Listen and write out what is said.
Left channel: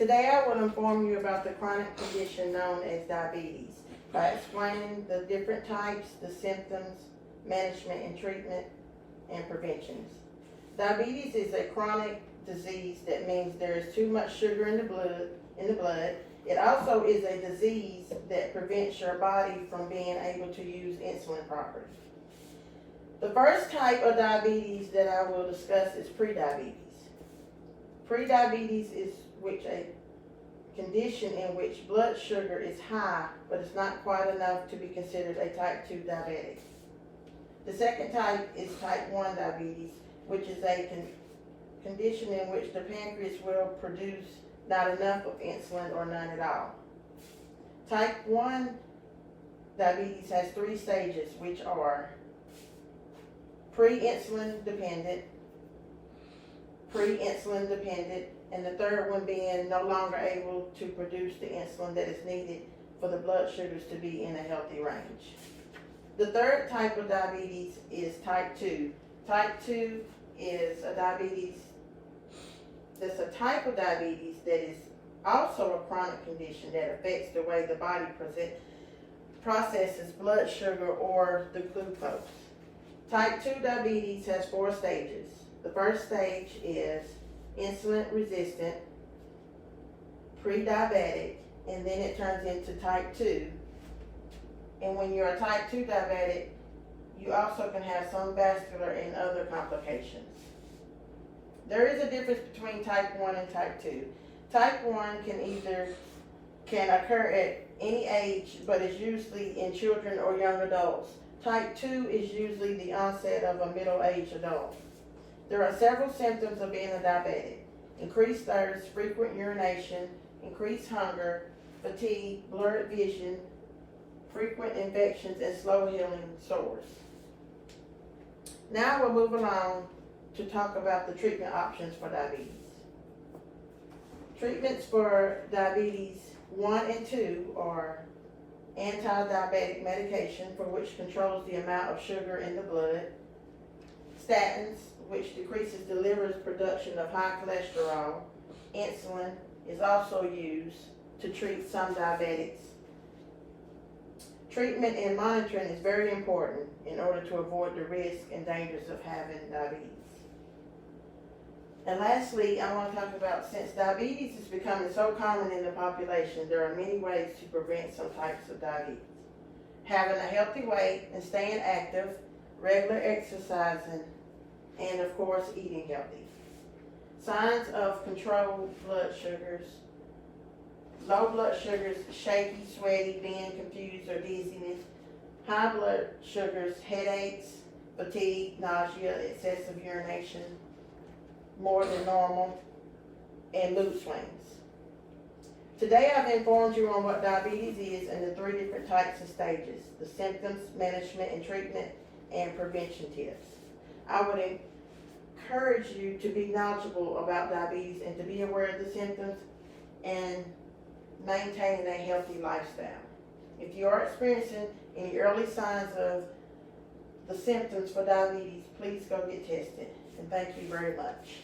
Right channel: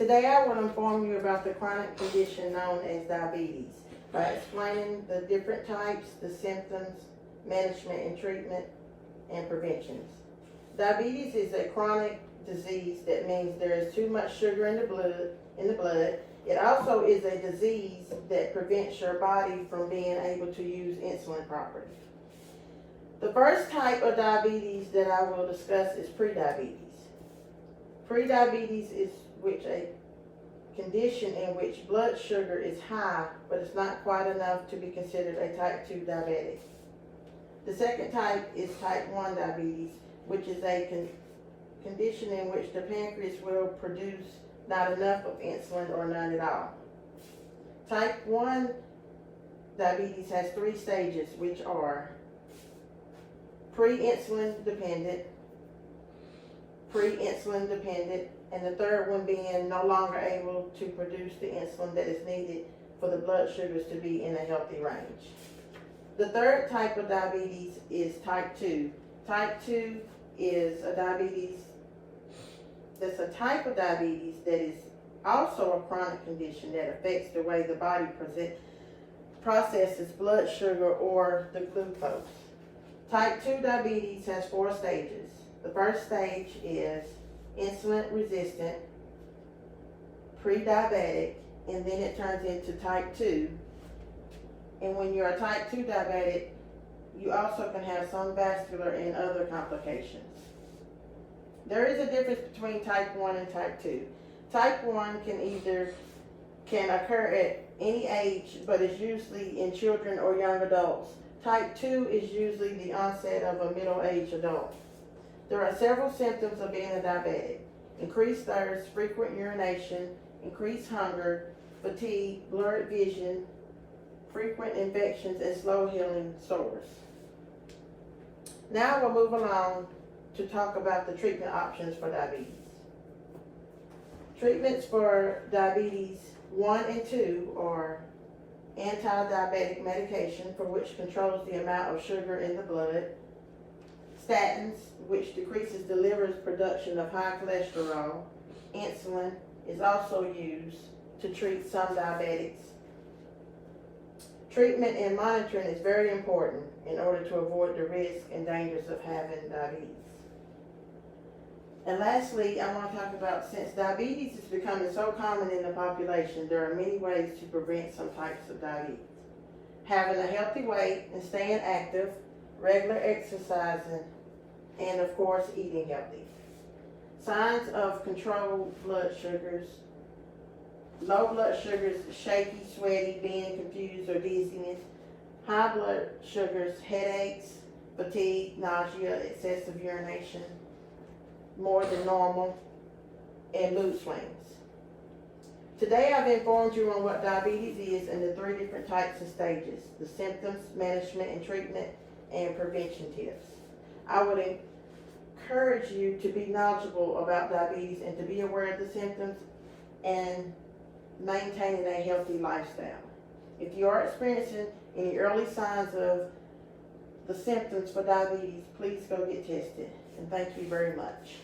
Today I will inform you about the chronic condition known as diabetes by explaining the different types, the symptoms, management and treatment, and preventions. Diabetes is a chronic disease that means there is too much sugar in the blood. It also is a disease that prevents your body from being able to use insulin properly. The first type of diabetes that I will discuss is prediabetes. Prediabetes is a condition in which blood sugar is high, but it's not quite enough to be considered a type 2 diabetic. The second type is type 1 diabetes, which is a condition in which the pancreas will produce not enough of insulin or none at all. Type 1 diabetes has 3 stages, which are pre-insulin dependent, and the third one being no longer able to produce the insulin that is needed for the blood sugars to be in a healthy range. The third type of diabetes is type 2. Type 2 is a diabetes that's a type of diabetes that is also a chronic condition that affects the way the body processes blood sugar or the glucose. Type 2 diabetes has 4 stages. The first stage is insulin resistant, pre-diabetic, and then it turns into type 2. And when you're a type 2 diabetic, you also can have some vascular and other complications. There is a difference between type 1 and type 2. Type 1 can occur at any age, but is usually in children or young adults. Type 2 is usually the onset of a middle-aged adult. There are several symptoms of being a diabetic: increased thirst, frequent urination, increased hunger, fatigue, blurred vision, frequent infections, and slow healing sores. Now we'll move along to talk about the treatment options for diabetes. Treatments for diabetes 1 and 2 are anti-diabetic medication, for which controls the amount of sugar in the blood; statins, which decreases the liver's production of high cholesterol; insulin is also used to treat some diabetics. Treatment and monitoring is very important in order to avoid the risk and dangers of having diabetes. And lastly, I want to talk about, since diabetes is becoming so common in the population, there are many ways to prevent some types of diabetes. Having a healthy weight and staying active, regular exercising, and of course eating healthy. Signs of controlled blood sugars: low blood sugars, shaky, sweaty, being confused or dizziness; high blood sugars, headaches, fatigue, nausea, excessive urination, more than normal, and mood swings. Today I've informed you on what diabetes is and the 3 different types and stages, the symptoms, management and treatment, and prevention tips. I would encourage you to be knowledgeable about diabetes and to be aware of the symptoms and maintaining a healthy lifestyle. If you are experiencing any early signs of the symptoms for diabetes, please go get tested. And thank you very much.